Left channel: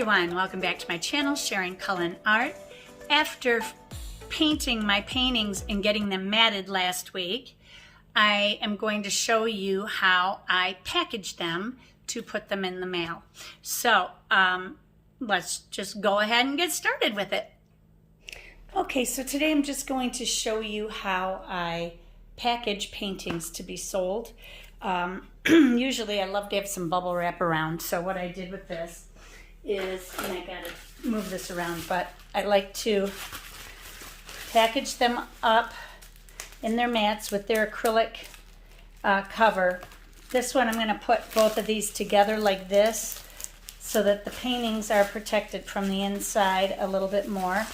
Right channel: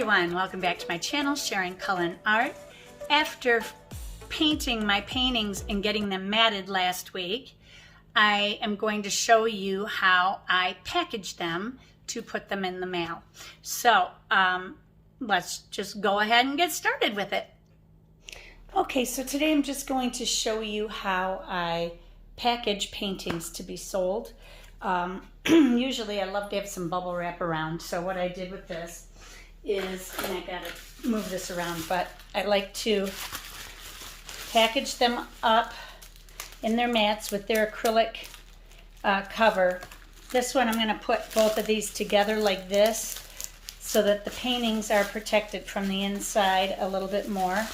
everyone, welcome back to my channel, sharoncullenart. After painting my paintings and getting them matted last week, I am going to show you how I package them to put them in the mail. So let's just go ahead and get started with it. Okay, so today I'm just going to show you how I package paintings to be sold. Usually I love to have some bubble wrap around, so what I did with this is, and I gotta move this around, but I like to package them up in their mats with their acrylic cover. This one I'm going to put both of these together like this so that the paintings are protected from the inside a little bit more.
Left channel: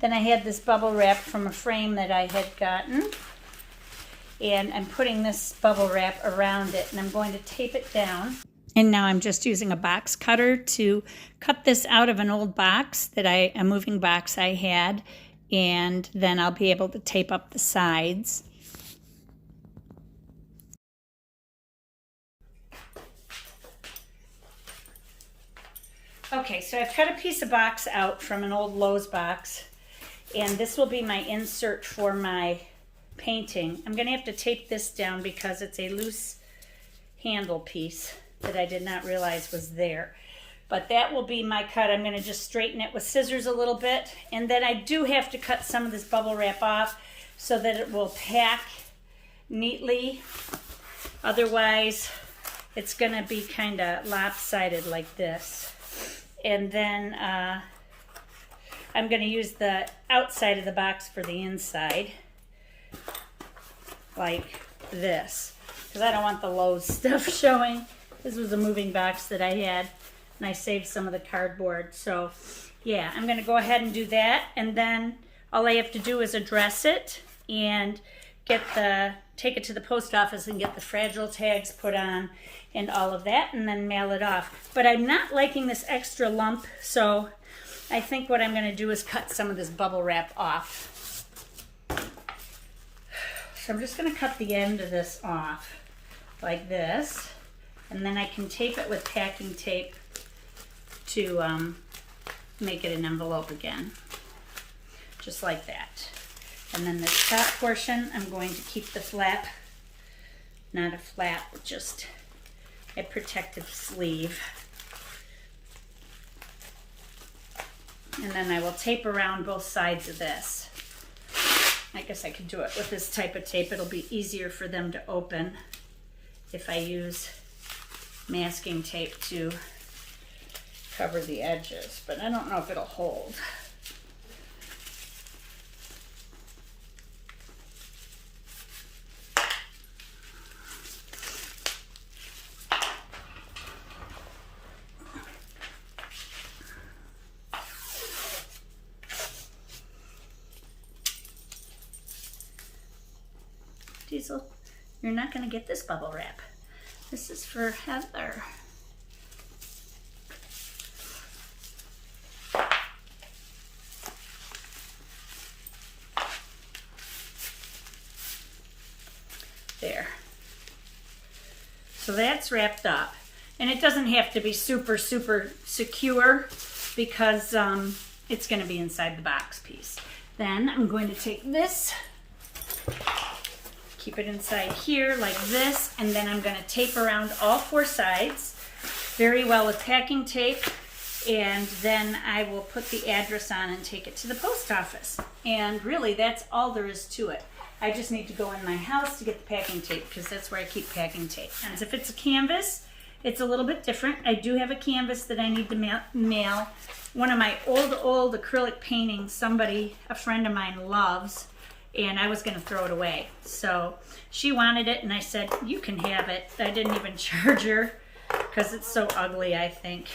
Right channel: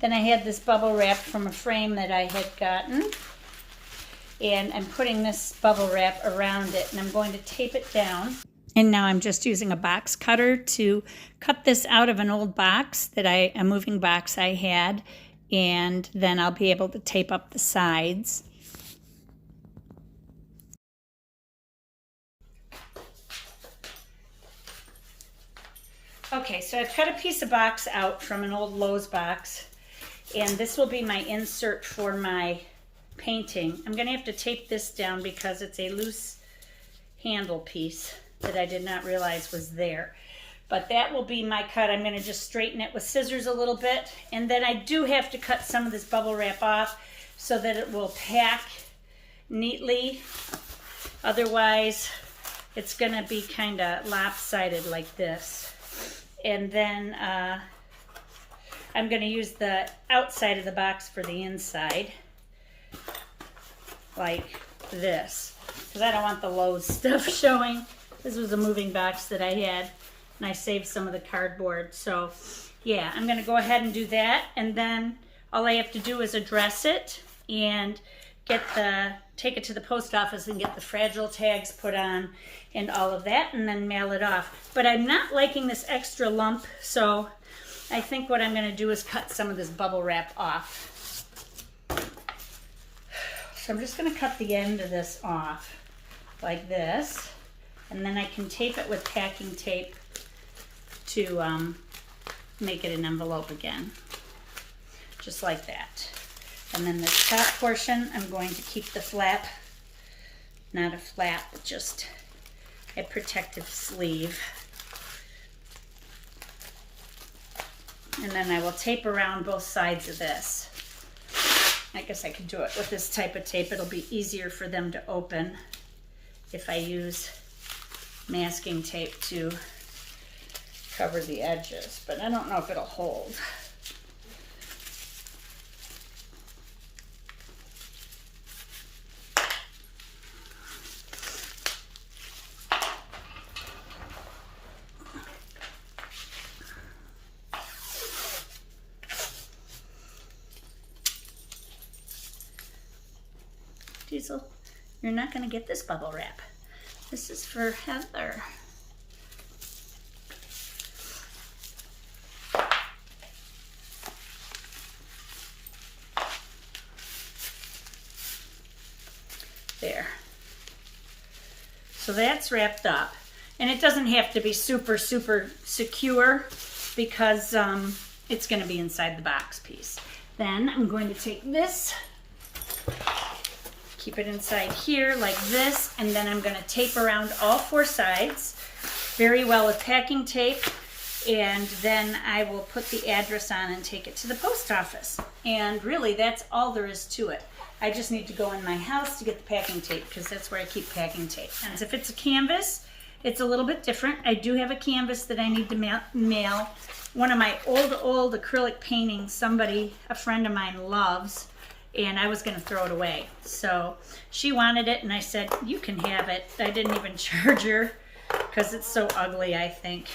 Then I had this bubble wrap from a frame that I had gotten, and I'm putting this bubble wrap around it, and I'm going to tape it down. And now I'm just using a box cutter to cut this out of an old box that a moving box I had, and then I'll be able to tape up the sides. Okay, so I've cut a piece of box out from an old Lowe's box, and this will be my insert for my painting. I'm going to have to tape this down because it's a loose handle piece that I did not realize was there. But that will be my cut. I'm going to just straighten it with scissors a little bit, and then I do have to cut some of this bubble wrap off so that it will pack neatly. Otherwise, it's going to be kind of lopsided like this. And then I'm going to use the outside of the box for the inside, like this, because I don't want the Lowe's stuff showing. This was a moving box that I had, and I saved some of the cardboard. So yeah, I'm going to go ahead and do that, and then all I have to do is address it and take it to the post office and get the fragile tags put on and all of that, and then mail it off. But I'm not liking this extra lump, so I think what I'm going to do is cut some of this bubble wrap off. So I'm just going to cut the end of this off like this, and then I can tape it with packing tape to make it an envelope again, just like that. And then the top portion, I'm going to keep the flap, not a flap, just a protective sleeve. And then I will tape around both sides of this. I guess I could do it with this type of tape. It'll be easier for them to open if I use masking tape to cover the edges, but I don't know if it'll hold. Diesel, you're not going to get this bubble wrap. This is for Heather. There. So that's wrapped up. And it doesn't have to be super, super secure because it's going to be inside the box piece. Then I'm going to take this, keep it inside here like this, and then I'm going to tape around all four sides very well with packing tape, and then I will put the address on and take it to the post office. And really, that's all there is to it. I just need to go in my house to get the packing tape because that's where I keep packing tape. And if it's a canvas, it's a little bit different. I do have a canvas that I need to mail. One of my old acrylic paintings, a friend of mine loves, and I was going to throw it away. So she wanted it, and I said, you can have it. I didn't even charge her because it's so ugly, I think.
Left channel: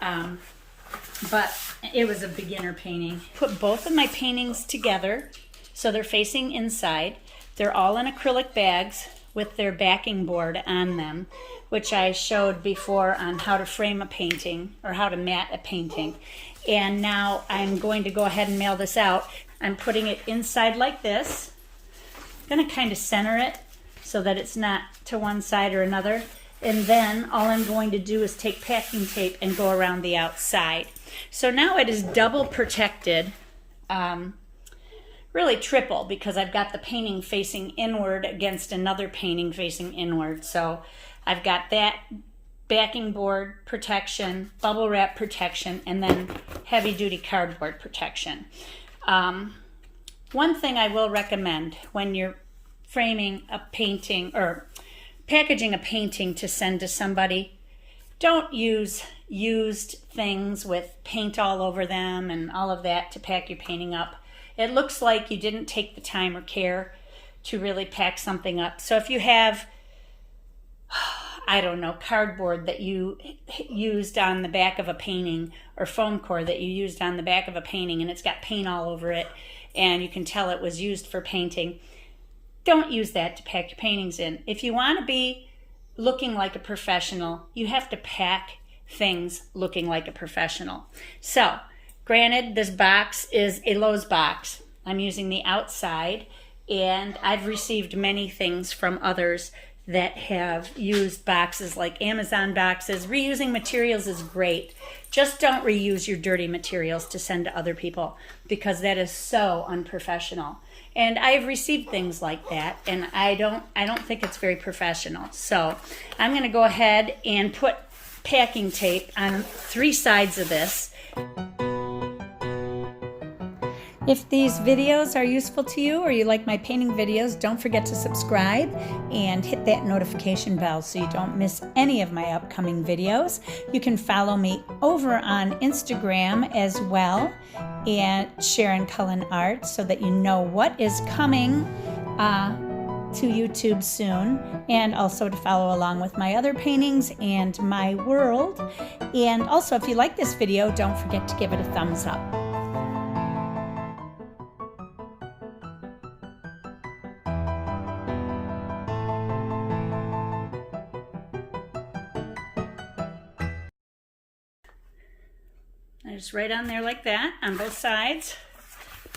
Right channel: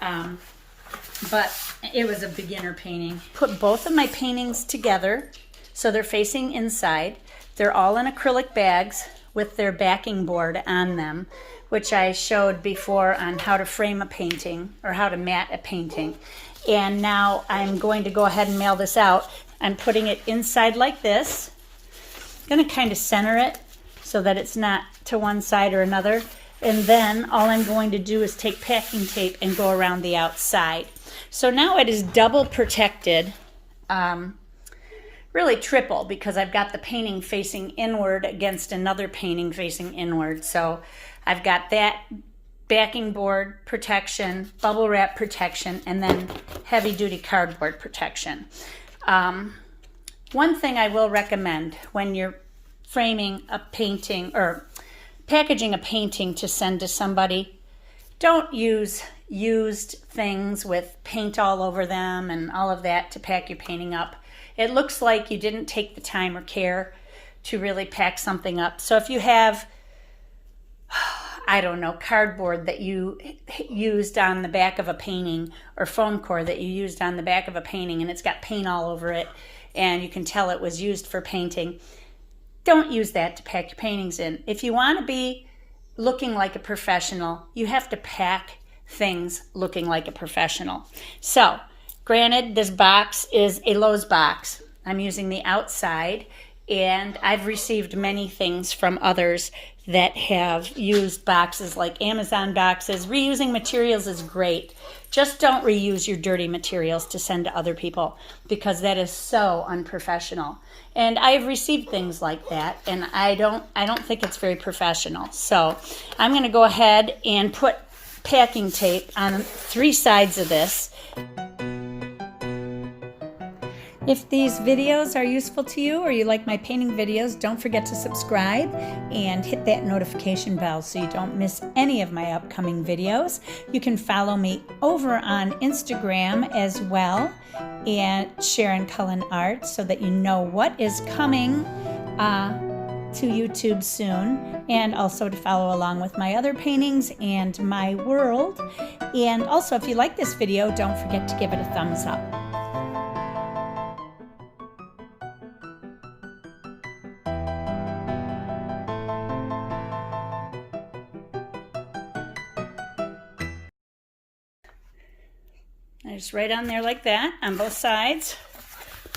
But it was a beginner painting. Put both of my paintings together so they're facing inside. They're all in acrylic bags with their backing board on them, which I showed before on how to frame a painting or how to mat a painting. And now I'm going to go ahead and mail this out. I'm putting it inside like this. I'm going to kind of center it so that it's not to one side or another. And then all I'm going to do is take packing tape and go around the outside. So now it is double protected, really triple, because I've got the painting facing inward against another painting facing inward. So I've got that backing board protection, bubble wrap protection, and then heavy duty cardboard protection. One thing I will recommend when you're framing a painting or packaging a painting to send to somebody, don't use used things with paint all over them and all of that to pack your painting up. It looks like you didn't take the time or care to really pack something up. So if you have, I don't know, cardboard that you used on the back of a painting, or foam core that you used on the back of a painting, and it's got paint all over it and you can tell it was used for painting, don't use that to pack your paintings in. If you want to be looking like a professional, you have to pack things looking like a professional. So, granted, this box is a Lowe's box. I'm using the outside, and I've received many things from others that have used boxes like Amazon boxes. Reusing materials is great. Just don't reuse your dirty materials to send to other people, because that is so unprofessional. And I've received things like that, and I don't think it's very professional. So I'm going to go ahead and put packing tape on 3 sides of this. If these videos are useful to you, or you like my painting videos, don't forget to subscribe and hit that notification bell so you don't miss any of my upcoming videos. You can follow me over on Instagram as well, and sharoncullenart, so that you know what is coming to YouTube soon, and also to follow along with my other paintings and my world. And also, if you like this video, don't forget to give it a thumbs up. I just write on there like that on both sides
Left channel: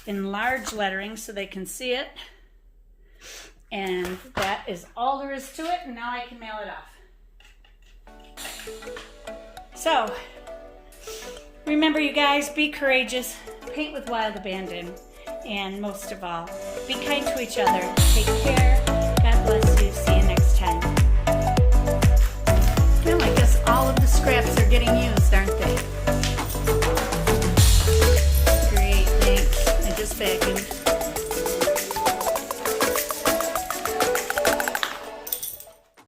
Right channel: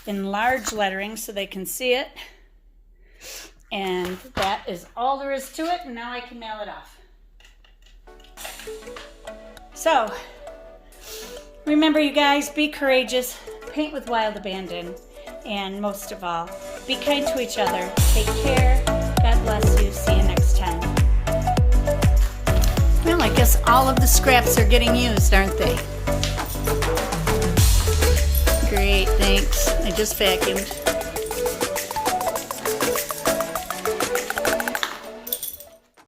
in large lettering so they can see it. And that is all there is to it, and now I can mail it off. So, remember, you guys, be courageous, paint with wild abandon, and most of all, be kind to each other. Take care. God bless you. See you next time. Well, I guess all of the scraps are getting used, aren't they? Great, thanks. I just vacuumed.